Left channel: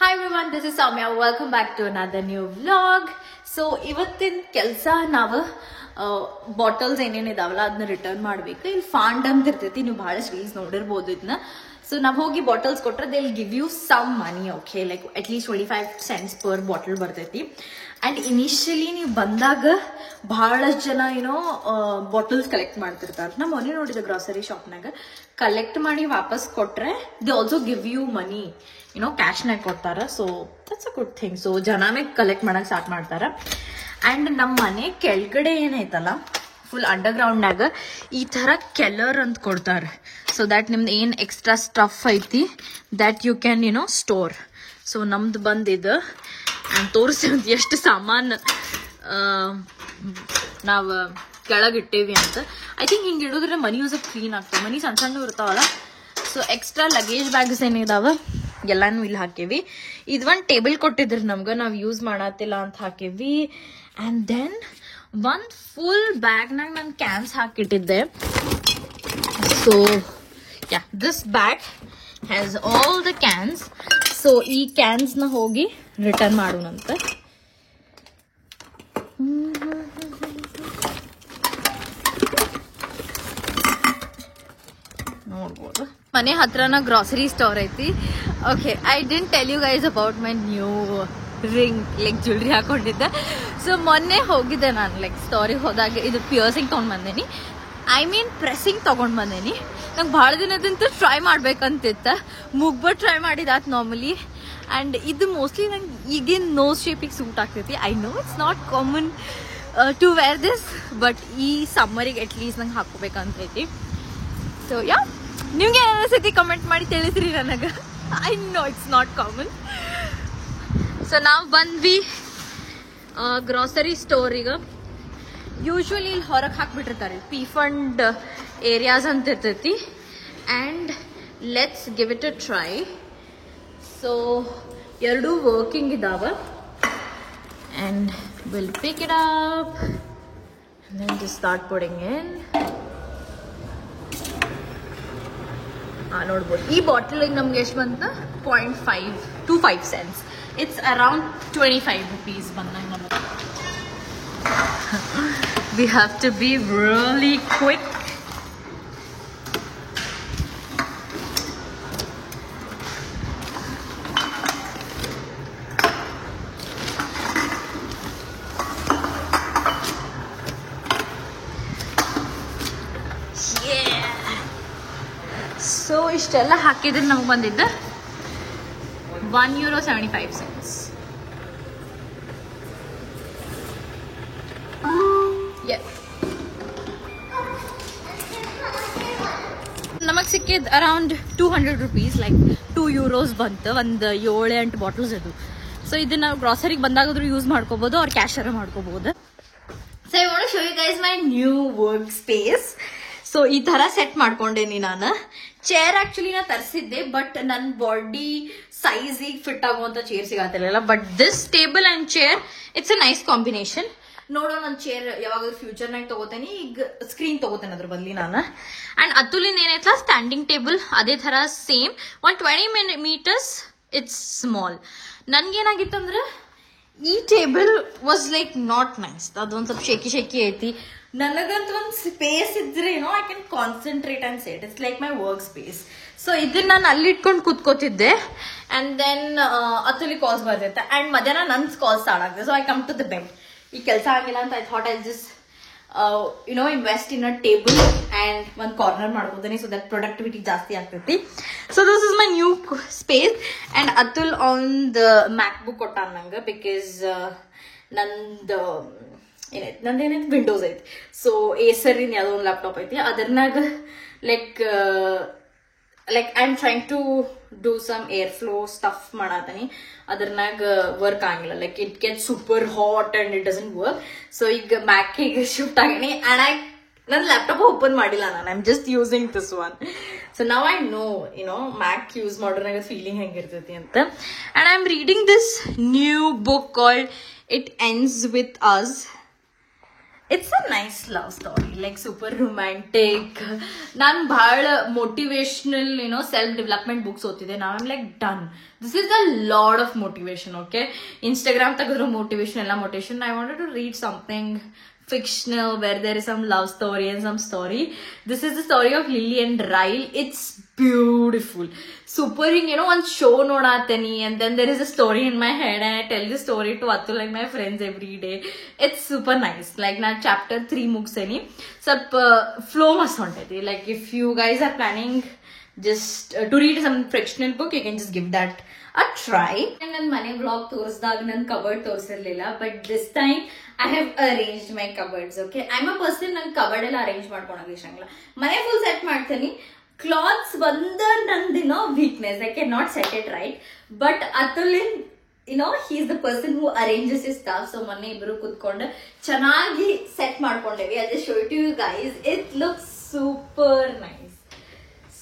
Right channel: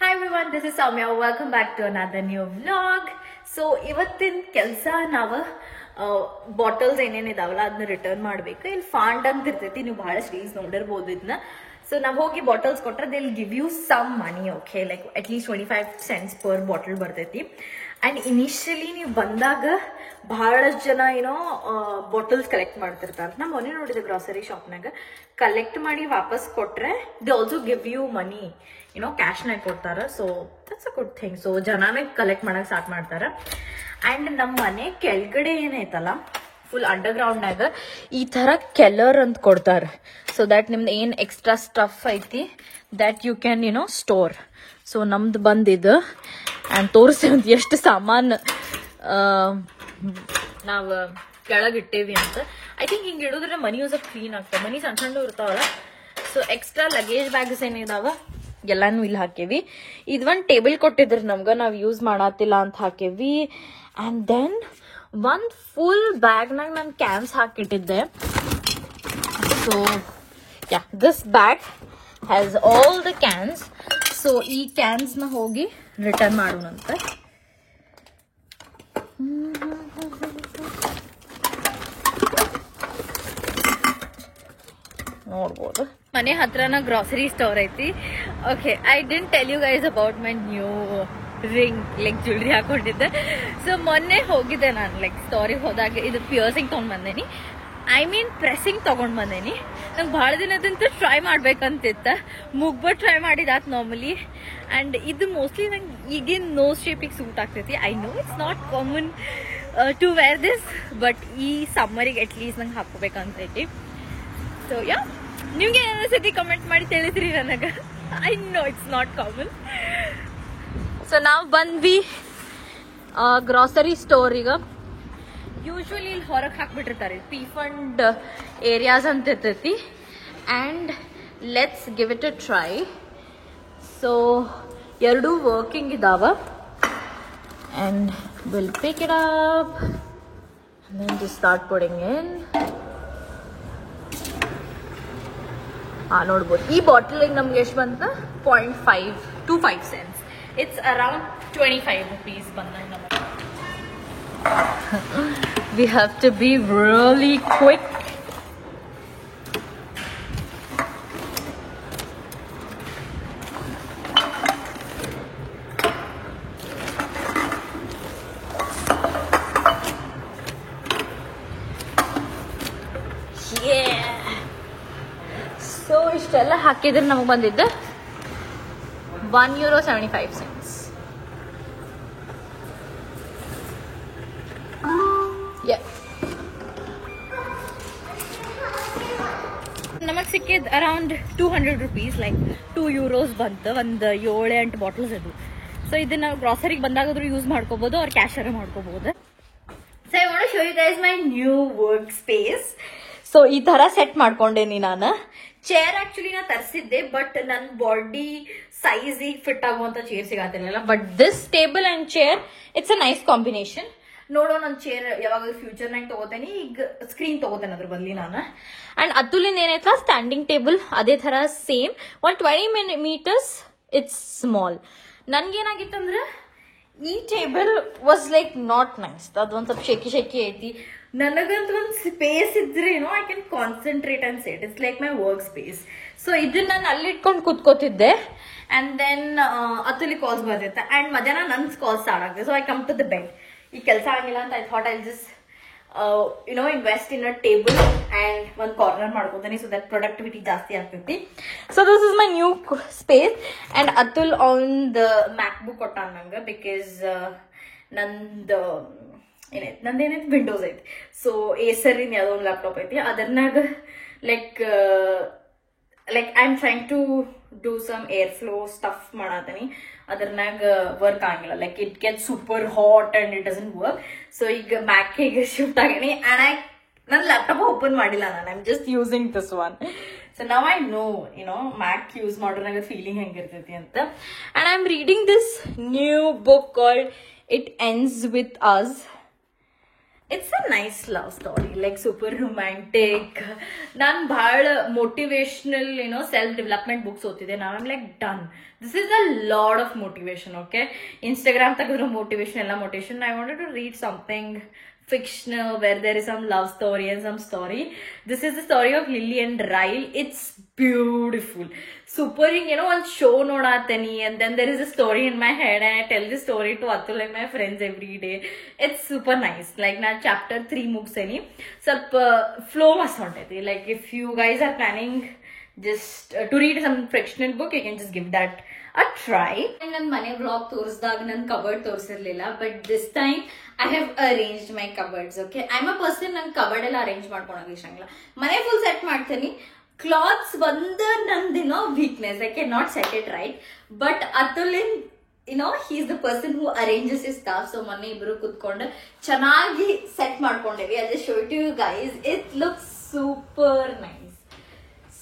Hi everyone, this is Soumya. Welcome back to another new vlog. So ಇವತ್ತಿನ ಕೆಲಸ ನಾವು bottles ಏನೇನಿದಾವಲ್ಲ ಅದನ್ನ return ಮಾಡಬೇಕು. ಇಲ್ಲಿ ಫಾಂಡ್ ಅಂತ ಇರ್ತೈತಿ, ನೀವು ಬಹಳಷ್ಟು ರೀಲ್ಸ್ ನೋಡಿರ್ಬೋದು ಇದನ್ನ. ಸೊ ನಾವು ಹೋಗಿ ಬಾಟಲ್ಸ್ ಕೊಟ್ರೆ they will give you some money, okay, like at least 25 cents per bottle ಬರ್ತೈತಿ. ಅಂಡ್ ಇನಿಷಿಯಲಿ ನೀವು ಬಂದಾಗ ಬಹಳಷ್ಟು ಜನ ಏನೋ ಬಾಟಲ್ಸ್ ಕಲೆಕ್ಟ್ ಮಾಡ್ತಿರ್ತಾರೆ. ನಾ ಮೊನ್ನೆ ನೋಡಿದೆ ಗ್ರಾಸರಿ ಶಾಪ್ನಾಗ ಕಲೆಕ್ಟ್ ಮಾಡಿ ವಾಪಸ್ ಕೊಟ್ರೆ ದೇ ಆಲ್ಸೋ ಗಿವ್ ಯು ಮನಿ, ಕ್ಯಾಶ್ನಾಗ ಕೊಡ್ತಾರ. So that's a good thing. So ಜನನೇ ಕಲೆಕ್ಟ್ ಮಾಡಕ್ ಸ್ಟಾರ್ಟ್ ಮಾಡ್ತಾರ. ಅಂಡ್ ನಮ್ಮ ಮನೆ ಕೆಳಗಡೆ ಏನೈತಲ್ಲ ಫುಲ್ ಅಂಡರ್ ಗ್ರೌಂಡ್ನಾಗ ಈ ತರ ಕೆಲ್ಲರ್ ಅಂತ ಕೊಡ್ತಾರೆ. ಸೊ ದಟ್ ನಿಮ್ದು ಏನ್ ಎಕ್ಸ್ಟ್ರಾ ಸ್ಟಫ್ ಐತಿ that you can store. So ನಮ್ದು ಬಂದಿದ್ದು ಅಂಡ್ ತೋರಿಸಿ ಎಷ್ಟು ಸಾಮಾನು ನಾವು ಕೆಳಗಿಟ್ಟೇವಿ ಅಂತ. ಐ ಥಿಂಕ್ ಹಿಂಗೆ ಇಡೋದ್ರೆ ಮನಿ ಯೂಸ್ ಕ್ಲೀನ್ ಆಗ್ತವೆ. ಮನಿ ಸಣ್ಣ ಸಣ್ಣ ಇರ್ತಾವಲ್ಲ. ಸೊ ಎಕ್ಸ್ಟ್ರಾ ಲಗೇಜ್ ಬ್ಯಾಗ್ಸ್ ಏನಿದಾವ ಎಲ್ಲಾನು ಇಲ್ಲಿ ಹಾಕೇವಿ. ಇದೊಂದು ಟೇಬಲ್ ಕೊಟ್ಟಿದ್ರಿ ನಮ್ಗೆ, ನಾವು ಯೂಸ್ ಮಾಡತ್ತಿಲ್ಲ ಅಂತ ಹಾಕೇವಿ. ಅಂಡ್ ದೆನ್ ಒಂದ್ ಫುಲ್ ಬ್ಯಾಗ್ನಾಗ ನಾನು ಕ್ಯಾನ್ಸ್ ಹಾಕಿಟ್ಟಿದ್ದೆ. So yeah, this bag has all the cans. So ಈ ಕ್ಯಾನ್ಸ್ನ ಹೋಗಿ ರಿಟರ್ನ್ ಮಾಡೋಣಂತೆ. ನೋಡ್ಬೋದು ಮನೆ ಹತ್ರನ ಗ್ರಾಸರಿ ಸ್ಟೋರ್ ಐತಿ. Okay, I didn't tell you guys about my new ring, like jewellery ಹಾಕೊಂಡಿದ್ದೆ. ಸೊ ಮೊನ್ನೆ ಹೋಗಿದ್ದೆ ನಾನು, ಲೈಕ್ ಸ್ಟೋರಿಗೆ ಹೋದಾಗ ಇದು ಪಿಯರ್ಸಿಂಗ್ ತೊಗೊಂಡು ಬಂದೇನಿ, ಐ ಮೀನ್ ಪ್ರೆಸ್ಸಿಂಗ್ ತೊಗೊಂಡು ಬಂದೇನಿ. ನಂಗೆ ಭಾಳ ದಿನದಂತೂ ಟ್ರೈ ಮಾಡ್ಬೇಕಂತಿತ್ತ, ಮುಗ್ಬಟ್ಟು ಟ್ರೈ ಮಾಡಿದಾತ್ ನಾರ್ಮಲಿ. ಆ್ಯಂಡ್ ಇದು ಮೋಸ್ಟ್ಲಿ ನಂಗೆ ಈಗಿನ ನೋಸ್ ಶೇಪಿಗೆ ಸೂಟ್ ಆಗ್ತೈತಿ. I know it's not common to wear this, but ಈ ಸಮ್ಮರಿಗೆ ಅಟ್ಲೀಸ್ಟ್ ನಂಗೆ ಹಾಕೋಬೇಕಂತೈತಿ. ಸೊ ಯಾ, ನಿಮ್ಗೆ ಏನಿಸ್ತೈತಿ ಕಮೆಂಟ್ ಮಾಡಿ ತಿಳಿಸ್ರಿ ನನಗೆ. I know it's not common. So ನಾವು ಬಂದ್ವಿ ಗ್ರಾಸರಿ ಸ್ಟೋರಿಗೆ. ಯೂಶ್ವಲಿ ಇಲ್ಲಿ ಹೊರಗೆ ಹಾಕ್ಬಿಟ್ಟಿರ್ತಾರೆ, ಪಿ ಫಂಡ್ ಏರಿಯಾಸ್ ಅಂತ ಇರ್ತೈತಿ. And let's give it a try. So ಎರಡೂ ವರ್ಕಿಂಗ್ ಇದಾವ. And will pick it up and then just start putting in. ನೋಡ್ಬೋದು ಈ ಬಾಟಲಿಗೆ ನಮ್ಗೆ ಎಷ್ಟು ಬಂತ 0.5 cents. ಇಟ್ಸ್ ಅರೌಂಡ್ 25 rupees ಬಂದಂಗೆ ನಮಗೆ. We have to be really quick. So ಇಷ್ಟೆಲ್ಲ ಹಾಕಿದ್ರೆ ನಮಗೆ ಬಂದಿದ್ದ €1.75. ನಮಗೆ ಸಿಕ್ಕಿದ್ ಅರೌಂಡ್ 200 rupees, ಲೈಕ್ €2 ಬಂತು. ಒಂದು 7-8 ಬಾಟಲ್ಸ್ ಅದು. ಸೊ ಇದನ್ನ ಗ್ರಾಸರಿಗೆ ಬಂದಾಗಾದ್ರೂ ಯೂಸ್ ಮಾಡ್ಕೋಬಹುದು, ಅವ್ರ ಕ್ಯಾಶರ ಮಾಡ್ಕೋಬಹುದು. So I want to show you guys my new work space. So ಈ ತರ ಸೆಟ್ ಮಾಡ್ಕೊಂಡೇನಿ ನಾನು. ಚೇರ್ ಆಕ್ಚುಲಿ ನಾ ತರಿಸಿದ್ದೆ, ಬಟ್ ನನ್ನ ಬಾಡಿ ಸೈಜಿಗೆ ಫಿಟ್ ಆಗುವಂತ ಚೇರ್ ಸಿಗತ್ತಿಲ್ಲ. But this table and chair it's a nice combination. ನೋಡೋ ನನ್ನ ಚೇರ್ ಯಾವಾಗಾದ್ರೂ ಫ್ಯೂಚರ್ನಾಗ ತಗೋತೇನೆ, ಈಗ ಸ್ಕ್ರೀನ್ ತಗೋತೇನೆ ಅದ್ರ ಬದಲಿ ನಾನು. ಅಂಡ್ ಅತುಲಿಂದ ಏನೈತಲ್ಲ ಸ್ಟ್ಯಾಂಡಿಂಗ್ ಟೇಬಲ್ ಅದೇ ತರ ಸೇಮ್ 120 meters. It's small. ನನ್ಗೇನಾಗಿತ್ತು ಅಂದ್ರೆ ಈ table was like not nice. ಅದೊಂದ್ ಸ್ವಲ್ಪ ಶೇಕಿ ಐತಿ. ನನಗಂತ ಒಂದು ಸ್ಪೇಸ್ ಇದ್ರೆ I can concentrate and set. It's like my work space. So ಇದನ್ನ ನಾನು ಅಲ್ಲಿ ಇಟ್ಕೊಂಡು ಕೂತ್ಕೋತಿದ್ದೆ. ಅಂಡ್ ದೆನ್ ಅತುಲಿ ಕಾಲ್ಸ್ ಬರ್ತಿತ್ತ. ಅಂಡ್ ಮಧ್ಯಾಹ್ನ ನನ್ ಕಾಲ್ಸ್ ಸ್ಟಾರ್ಟ್ ಆಗ್ತದೆ. So I come to the bed. ಈ ಕೆಲಸ ಆಗಿಲ್ಲ ಅಂತ I thought I just invest in a table and ಒಂದು ಕಾರ್ನರ್ ಮಾಡ್ಕೊಂತೀನಿ. ಸೊ ದಟ್ ಪ್ರೊಡಕ್ಟಿವಿಟಿ ಜಾಸ್ತಿ ಆಗ್ತೈತಿ. So this is my new space. And Atul on the MacBook ಕೊಟ್ಟ ನಂಗೆ, ಬಿಕಾಸ್ ನಂದು ನಂದೇನೈತಿ ವಿಂಡೋಸ್ ಐತಿ. ಸೊ ಏಸರಿನ್ ಯಾವುದೋ ಒಂದು ಲ್ಯಾಪ್ಟಾಪ್ ಐತಿ, ಅದನ್ನಾಗ like I am trying to do some air flow stuff ಮಾಡತೀನಿ. ಅದ್ರನಾಗ ವರ್ಕ್ ಆಗಿಲ್ಲ, like it get super hot and it doesn't work. So ಈಗ ಮ್ಯಾಕ್ ಹೇಗೆ ಶಿಫ್ಟ್ ಆಗೀನಿ. ಅಂಡ್ ನನ್ನ ಲ್ಯಾಪ್ಟಾಪ್ ಓಪನ್ ಮಾಡಿಲ್ಲ ನಾನು, I am just using this one. So now I know Mac use ಮಾಡೋನಾಗ ಫೀಲಿಂಗ್ ಹೆಂಗಿರ್ತೈತಿ ಅಂತ. And I am reading this new book called It Ends with Us. It's a nice love story, like super romantic. ನಾನು ಬಹಳ motivational self development books ಓದ್ತಿದ್ದೆ. ನಾನು like done, this is a lot of motivation. Okay, Instagram ತೆಗೆದ್ರು motivation, ಎಲ್ಲ motivation. I wanted to read something fictional where there is some love story and some story. This is the story of Lily and Ryle. It's beautiful, super. One show nodateni, and then there is a story in my head and I tell the story to Atul and my friends every day. It's super nice. Like na chapter 3 mugseni ಸ್ವಲ್ಪ flow must untadi. Like if you guys are planning just to read some fictional book, you can just give that a try. And ನನ್ನ ಮನೆ blog ತೋರಿಸಿದಾಗ ನನ್ನ cupboard ತೋರಿಸಿರ್ಲಿಲ್ಲ, but this time I have arranged my cupboards. Okay, I am a person, ನಂಗೆ cupboard ಎಲ್ಲ arrange ಮಾಡ್ಕೊಳಕ್ ಇಷ್ಟಂಗಿಲ್ಲ. ಮನೆ ಫುಲ್ ಸೆಟ್ ಮಾಡ್ತೀನಿ. ಕ್ಲಾತ್ಸ್ ಬಂದ ನಂದು weakness, I can not set it right. But ಅತುಲಿನ್ he is the person who arranges his stuff. So ಮೊನ್ನೆ ಇಬ್ರು ಕುತ್ಕೊಂಡು ಚೆನ್ನಾಗಿ set ಮಾಡ್ಕೊಂಡೇವಿ. I just show it to you guys. It looks super nice.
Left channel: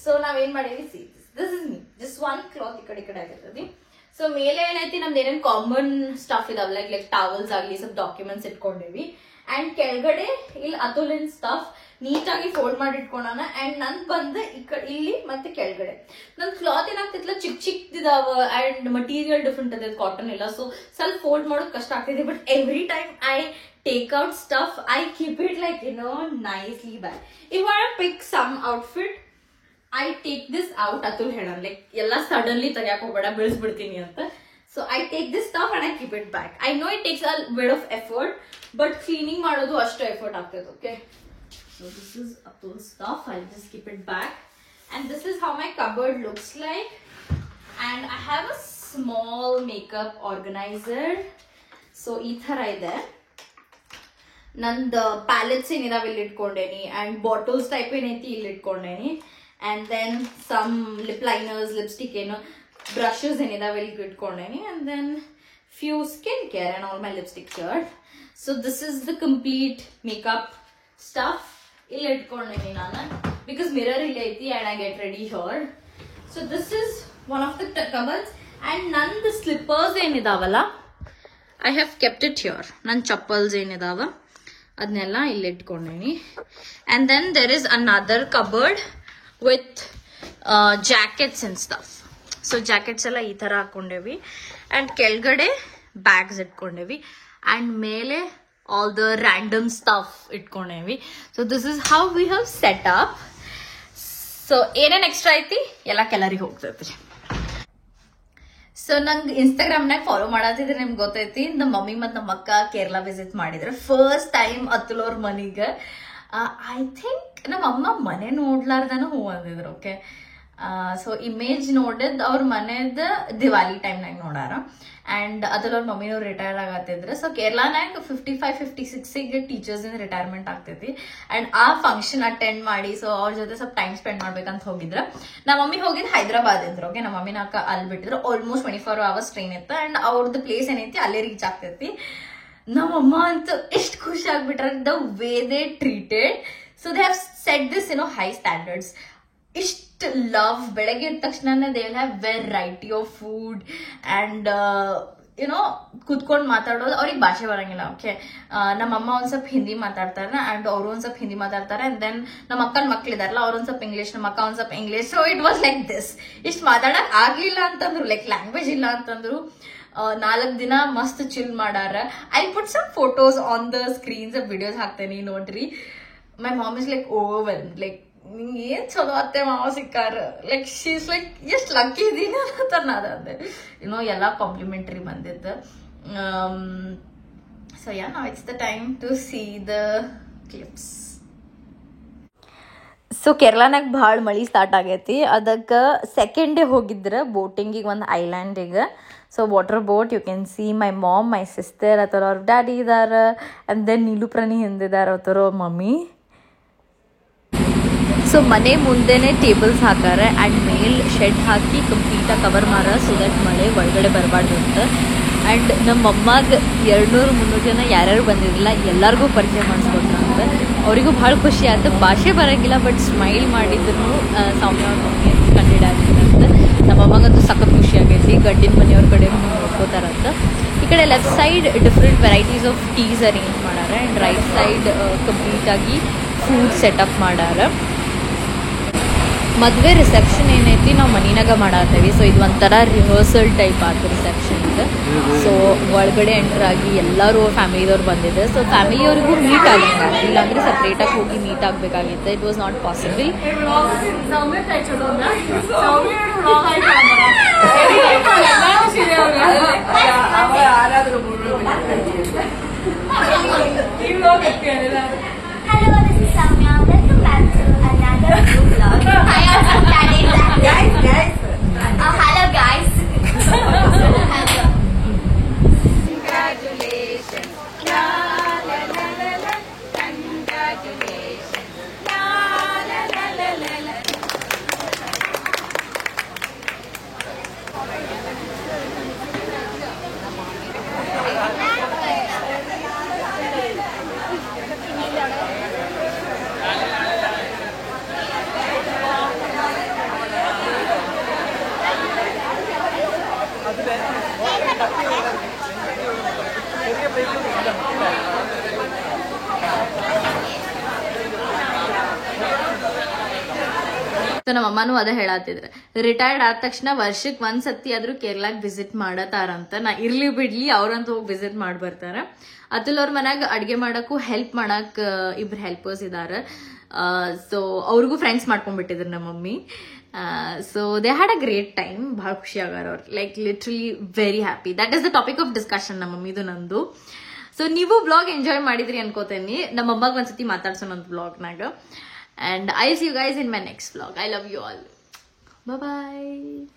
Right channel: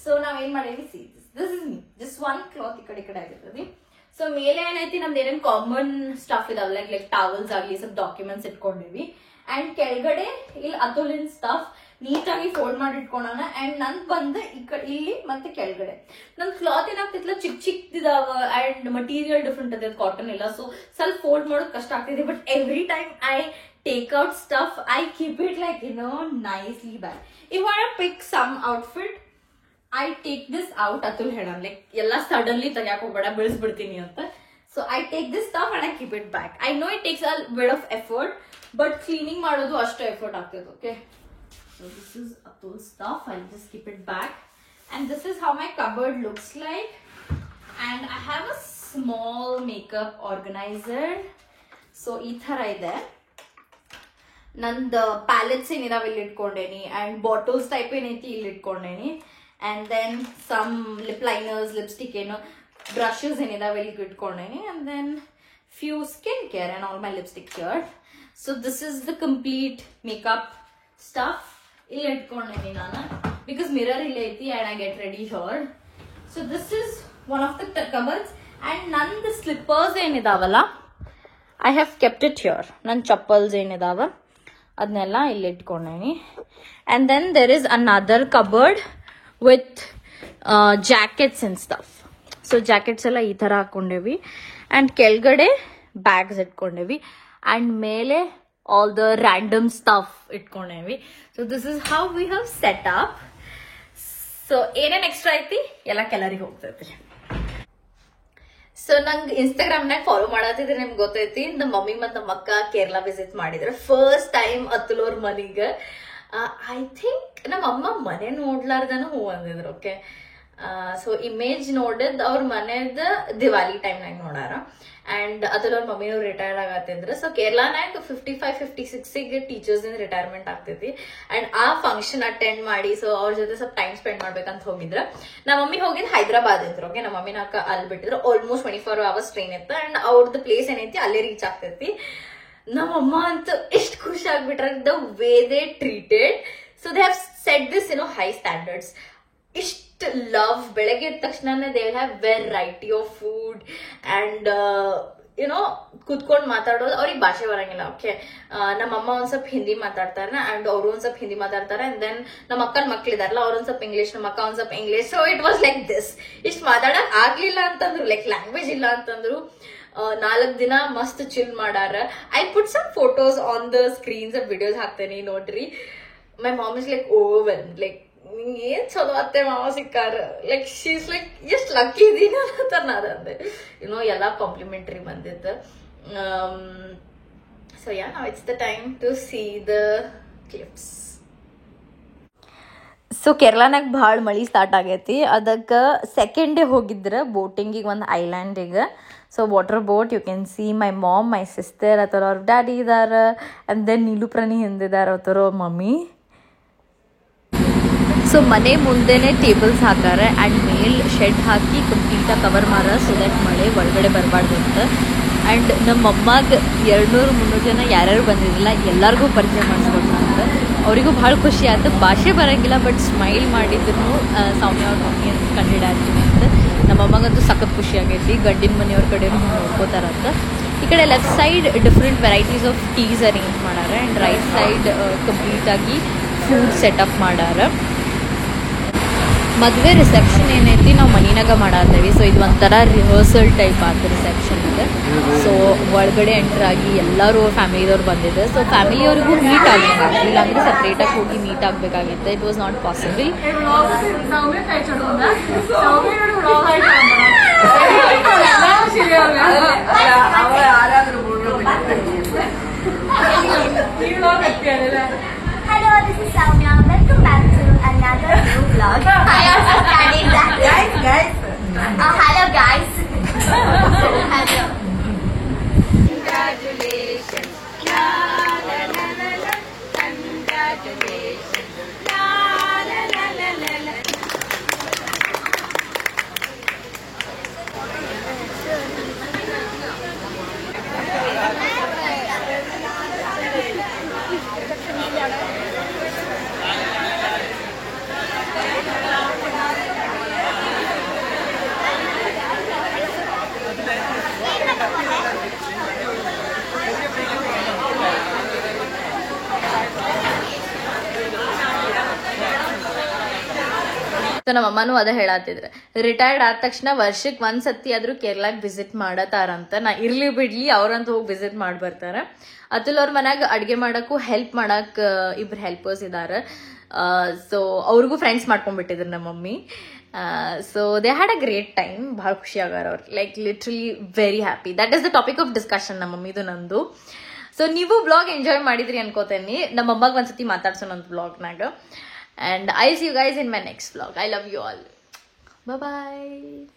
So ನಾವೇನ್ ಮಾಡೇವಿ, see this is me, just one cloth ಈ ಕಡೆ ಆಗಿರ್ತದೆ. ಸೊ ಮೇಲೆ ಏನೈತಿ, ನಮ್ದು ಏನೇನು ಕಾಮನ್ ಸ್ಟಫ್ ಇದಾವ, ಲೈಕ್ ಟಾವಲ್ಸ್ ಆಗಲಿ, ಸ್ವಲ್ಪ ಡಾಕ್ಯುಮೆಂಟ್ಸ್ ಇಟ್ಕೊಂಡಿವಿ. ಅಂಡ್ ಕೆಳಗಡೆ ಇಲ್ಲಿ ಅತುಲಿನ್ ಸ್ಟಫ್ ನೀಟಾಗಿ ಫೋಲ್ಡ್ ಮಾಡಿ ಇಟ್ಕೊಂಡಾನ. ಅಂಡ್ ನನ್ ಬಂದು ಇಲ್ಲಿ ಮತ್ತೆ ಕೆಳಗಡೆ ನನ್ ಕ್ಲಾತ್ ಏನಾಗ್ತಿತ್ಲ ಚಿಕ್ಕದಿದಾವ ಅಂಡ್ ಮಟೀರಿಯಲ್ ಡಿಫ್ರೆಂಟ್ ಅದ, ಕಾಟನ್ ಇಲ್ಲ. ಸೊ ಸ್ವಲ್ಪ ಫೋಲ್ಡ್ ಮಾಡೋದು ಕಷ್ಟ ಆಗ್ತಿದೆ. But every time I take out stuff, I keep it like nicely back. If I want to pick some outfit, I take this out. Atul hedan like ella suddenly tagayak hogada bilsbidtini anta. So I take this stuff and I keep it back. I know it takes a bit of effort, but cleaning ಮಾಡೋದು ಅಷ್ಟು effort ಆಗ್ತದೆ. Okay, so this is Atul's stuff. I'll just keep it back. And this is how my cupboard looks like. And I have a small makeup organizer. So ಈ ತರ ಇದೆ. ನಂದು palettes ಏನಿದಾವೆ ಇಲ್ಲಿ ಇಟ್ಕೊಂಡೇನಿ, and bottles type ಏನೈತಿ ಇಲ್ಲಿ ಇಟ್ಕೊಂಡೇನಿ. And then some lip liners, lipstick, brushes ಏನಿದಾವೆ ಇಲ್ಲಿ ಇಟ್ಕೊಂಡೇನಿ. And then few skincare and all my lipstick here. So this is the complete makeup stuff. ಇಲ್ಲಿ ಇಟ್ಕೊಂಡೇನಿ ನಾನು, because mirror ಇಲ್ಲಿ ಐತಿ and I get ready here. So this is one of the cupboards. And ನಂದು slippers ಏನಿದಾವಲ್ಲ, I have kept it here. ನನ್ನ ಚಪ್ಪಲ್ಸ್ ಏನಿದಾವ ಅದನ್ನೆಲ್ಲ ಇಲ್ಲಿ ಇಟ್ಕೊಂಡೇನಿ. And then there is another cupboard with jackets and stuff. So jackets ಎಲ್ಲ ಈ ತರ ಹಾಕೊಂಡೇವಿ. And ಕೆಳಗಡೆ bags ಇಟ್ಕೊಂಡೇವಿ. And ಮೇಲೆ all the random stuff ಇಟ್ಕೊಂಡೇವಿ. So this is how we have set up. So ಏನೇನ್ extra ಐತಿ ಎಲ್ಲ ಕೆಲರಿಗೆ ಹೋಗ್ತೈತಿ. ಸೊ ನಂಗೆ ಇನ್ಸ್ಟಾಗ್ರಾಮ್ನಾಗ ಫಾಲೋ ಮಾಡತ್ತಿದ್ರೆ ನಿಮ್ಗೆ ಗೊತ್ತೈತಿ, ನಮ್ಮ ಮಮ್ಮಿ ಮತ್ತು ನಮ್ಮ ಅಕ್ಕ ಕೇರಳ ವಿಸಿಟ್ ಮಾಡಿದ್ರೆ ಫಸ್ಟ್ ಟೈಮ್ ಅತುಲ್ ಅವ್ರ ಮನೆಗೆ. ಐ ಥಿಂಕ್ ನಮ್ಮ ಅಮ್ಮ ಮನೆ ನೋಡ್ಲಾರ್ದನ ಹೂ ಅಂದಿದ್ರು. ಓಕೆ, ಸೊ ಇಮೇಜ್ ನೋಡಿದ್ ಅವ್ರ ಮನೆದ ದಿವಾಲಿ ಟೈಮ್ನಾಗ ನೋಡಾರ. ಅಂಡ್ ಅತುಲ್ ಅವ್ರ ಮಮ್ಮಿನೂ ರಿಟೈರ್ ಆಗತ್ತಿದ್ರು. ಸೊ ಕೇರಳನಾಗ 55-56 ಟೀಚರ್ಸ್ ಇನ್ ರಿಟೈರ್ಮೆಂಟ್ ಆಗ್ತೈತಿ. ಅಂಡ್ ಆ ಫಂಕ್ಷನ್ ಅಟೆಂಡ್ ಮಾಡಿ, ಸೊ ಅವ್ರ ಜೊತೆ ಸ್ವಲ್ಪ ಟೈಮ್ ಸ್ಪೆಂಡ್ ಮಾಡ್ಬೇಕಂತ ಹೋಗಿದ್ರ. ನಮ್ಮ ಮಮ್ಮಿ ಹೋಗಿದ್ ಹೈದರಾಬಾದ್ ಇದ್ರು. ಓಕೆ, ನಮ್ಮ ಮಮ್ಮಿನ ಅಕ್ಕ ಅಲ್ಲಿ ಬಿಟ್ಟಿದ್ರು. ಆಲ್ಮೋಸ್ಟ್ 24 hours ಟ್ರೈನ್ ಇತ್ತು. ಅಂಡ್ ಅವ್ರದ್ದು ಪ್ಲೇಸ್ ಏನೈತಿ ಅಲ್ಲೇ ರೀಚ್ ಆಗ್ತೈತಿ. ನಮ್ಮಮ್ಮ ಅಂತೂ ಎಷ್ಟು ಖುಷಿ ಆಗ್ಬಿಟ್ರ, the way they treated. So they have set this high standards. ಇಷ್ಟು ಲವ್, ಬೆಳಗ್ಗೆ ಎದ್ದ ತಕ್ಷಣ they will have variety of food and ಕುತ್ಕೊಂಡು ಮಾತಾಡೋದು. ಅವ್ರಿಗೆ ಭಾಷೆ ಬರಂಗಿಲ್ಲ. ಓಕೆ, ನಮ್ಮಮ್ಮ ಒಂದ್ ಸ್ವಲ್ಪ ಹಿಂದಿ ಮಾತಾಡ್ತಾರ ಅಂಡ್ ಅವ್ರು ಒಂದ್ ಸ್ವಲ್ಪ ಹಿಂದಿ ಮಾತಾಡ್ತಾರೆ. ಅಂಡ್ ದೆನ್ ನಮ್ಮ ಅಕ್ಕನ ಮಕ್ಳಿದಾರಲ್ಲ, ಅವ್ರ ಒಂದ್ ಸ್ವಲ್ಪ ಇಂಗ್ಲಿಷ್, ನಮ್ಮ ಅಕ್ಕ ಒಂದ್ ಸ್ವಲ್ಪ English. So it was like this. ಇಷ್ಟು ಮಾತಾಡಕ್ ಆಗ್ಲಿಲ್ಲ ಅಂತಂದ್ರು, ಲೈಕ್ ಲ್ಯಾಂಗ್ವೇಜ್ ಇಲ್ಲ ಅಂತಂದ್ರು. 4 ದಿನ ಮಸ್ತ್ ಚಿಲ್ ಮಾಡಾರ. I put some photos on the screens, videos ಹಾಕ್ತೇನೆ ನೋಡ್ರಿ. My mom is like overwhelmed, like ಏನ್ ಚಲೋ ಅತ್ತೆ ಮಾವ ಸಿಕ್ಕಾರ, ಲೈಕ್ ಶಿ ಇಸ್ ಲೈಕ್ ಎಷ್ಟು ಲಕ್ಕಿ ಇದೀನ ಅಂತ ನಾದಂದೆ. ಎಲ್ಲ ಕಾಂಪ್ಲಿಮೆಂಟರಿ ಬಂದಿದ್ದು. So yeah, now it's the time to see the clips. So ಕೇರಳನಾಗ ಭಾಳ ಮಳಿ ಸ್ಟಾರ್ಟ್ ಆಗೈತಿ. ಅದಕ್ಕೆ ಸೆಕೆಂಡ್ ಡೇ ಹೋಗಿದ್ರೆ ಬೋಟಿಂಗಿಗೆ, ಒಂದು ಐಲ್ಯಾಂಡಿಗೆ. So water boat, you can see my mom, my sister, ಅಥವಾ ಅವ್ರ ಡ್ಯಾಡಿ ಇದಾರ. ಆ್ಯಂಡ್ ದೆನ್ ನೀಲು ಪ್ರಾಣಿ ಹಿಂದಿದಾರ, ಅಥವಾ ಅವ್ರ ಮಮ್ಮಿ. ಸೊ ಮನೆ ಮುಂದೆನೆ ಟೇಬಲ್ಸ್ ಹಾಕಾರ ಆ್ಯಂಡ್ ಮೇಲ್ ಶೆಡ್ ಹಾಕಿ ಕಂಪ್ಲೀಟಾಗಿ ಕವರ್ ಮಾರ, ಸೊ ದಟ್ ಮಳೆ ಒಳಗಡೆ ಬರಬಾರ್ದು ಅಂತ. ಆ್ಯಂಡ್ ನಮ್ಮ ಅಮ್ಮಗೆ 200-300 ಜನ ಯಾರ್ಯಾರು ಬಂದಿರಲಿಲ್ಲ ಎಲ್ಲರಿಗೂ ಪರಿಚಯ ಮಾಡಿಸ್ಕೊಟ್ರಂತ. ಅವರಿಗೂ ಭಾಳ ಖುಷಿ ಆಯ್ತು. ಭಾಷೆ ಬರೋಂಗಿಲ್ಲ, ಬಟ್ ಸ್ಮೈಲ್ ಮಾಡಿದ್ರು ಸೌಮ್ಯ ಅವ್ರ ಮಮ್ಮಿ ಅಂತ ಕಂಡಿಡ ಆಗ್ತೀನಿ ಅಂತ. ನಮ್ಮ ಅಮ್ಮಗಂತೂ ಸಖತ್ ಖುಷಿ ಆಗೈತಿ. ಗಂಡಿನ ಮನೆಯವ್ರ ಕಡೆನೂ ನೋಡ್ಕೋತಾರಂತ. ಈ ಕಡೆ left side different varieties of teas arrange ಮಾಡಾರ ಆ್ಯಂಡ್ ರೈಟ್ ಸೈಡ್ ಕಂಪ್ಲೀಟ್ ಆಗಿ ಫುಡ್ ಸೆಟಪ್ ಮಾಡಾರ. ಮದುವೆ ರಿಸೆಪ್ಷನ್ ಏನೈತಿ ನಾವು ಮನಿನಾಗ ಮಾಡತ್ತೇವಿ. ಸೊ ಇದು ಒಂಥರ ರಿಹರ್ಸಲ್ ಟೈಪ್ ಆದ ರಿಸೆಪ್ಷನ್ ಇದೆ. ಸೊ ಒಳಗಡೆ ಎಂಟರ್ ಆಗಿ ಎಲ್ಲರೂ ಫ್ಯಾಮಿಲಿದವ್ರು ಬಂದಿದೆ. ಸೊ ಫ್ಯಾಮಿಲಿಯವ್ರಿಗೂ ಮೀಟ್ ಆಗಂಗೆ ಆಗ್ತಿಲ್ಲ, ಅಂದರೆ ಸಪ್ರೇಟಾಗಿ ಹೋಗಿ ಮೀಟ್ ಆಗಬೇಕಾಗಿತ್ತು. It was not possible. Hello, this is Soumya. Welcome back to another new vlog. Hi, I'm starting that. Guys. Hello, guys. Congratulations. La la la la la. Congratulations. La la la la la la. ನಮ್ಮ ಅಮ್ಮನೂ ಅದ ಹೇಳತ್ತಿದ್ರೆ, retired ಆದ ತಕ್ಷಣ ವರ್ಷಕ್ಕೆ ಒಂದ್ಸತಿ ಆದ್ರೂ ಕೇರಳಕ್ಕೆ visit ಮಾಡತಾರಂತ. ನಾ ಇರ್ಲಿ ಬಿಡ್ಲಿ ಅವ್ರಂತೂ ಹೋಗಿ ವಿಸಿಟ್ ಮಾಡಿ ಬರ್ತಾರ. ಅತುಲ್ ಅವ್ರ ಮನ್ಯಾಗ ಅಡ್ಗೆ ಮಾಡಕ್ಕೂ ಹೆಲ್ಪ್ ಮಾಡಕ್ ಇಬ್ರು ಹೆಲ್ಪರ್ಸ್ ಇದಾರ. ಸೊ ಅವ್ರಿಗೂ ಫ್ರೆಂಡ್ಸ್ ಮಾಡ್ಕೊಂಡ್ಬಿಟ್ಟಿದ್ರು ನಮ್ಮ mummy. So they had a great time. ಬಹಳ ಖುಷಿ ಆಗಾರ ಅವ್ರು, like literally very happy. That is the topic of discussion ನಮ್ಮ ಮಮ್ಮಿದು ನಂದು. ಸೊ ನೀವು ಬ್ಲಾಗ್ ಎಂಜಾಯ್ ಮಾಡಿದ್ರಿ ಅನ್ಕೋತೇನಿ. ನಮ್ಮ ಅಮ್ಮಗೆ ಒಂದ್ಸತಿ ಮಾತಾಡ್ಸೋಣ ಅಂತ ಬ್ಲಾಗ್ನಾಗ. And I'll see you guys in my next vlog. I love you all. Bye bye.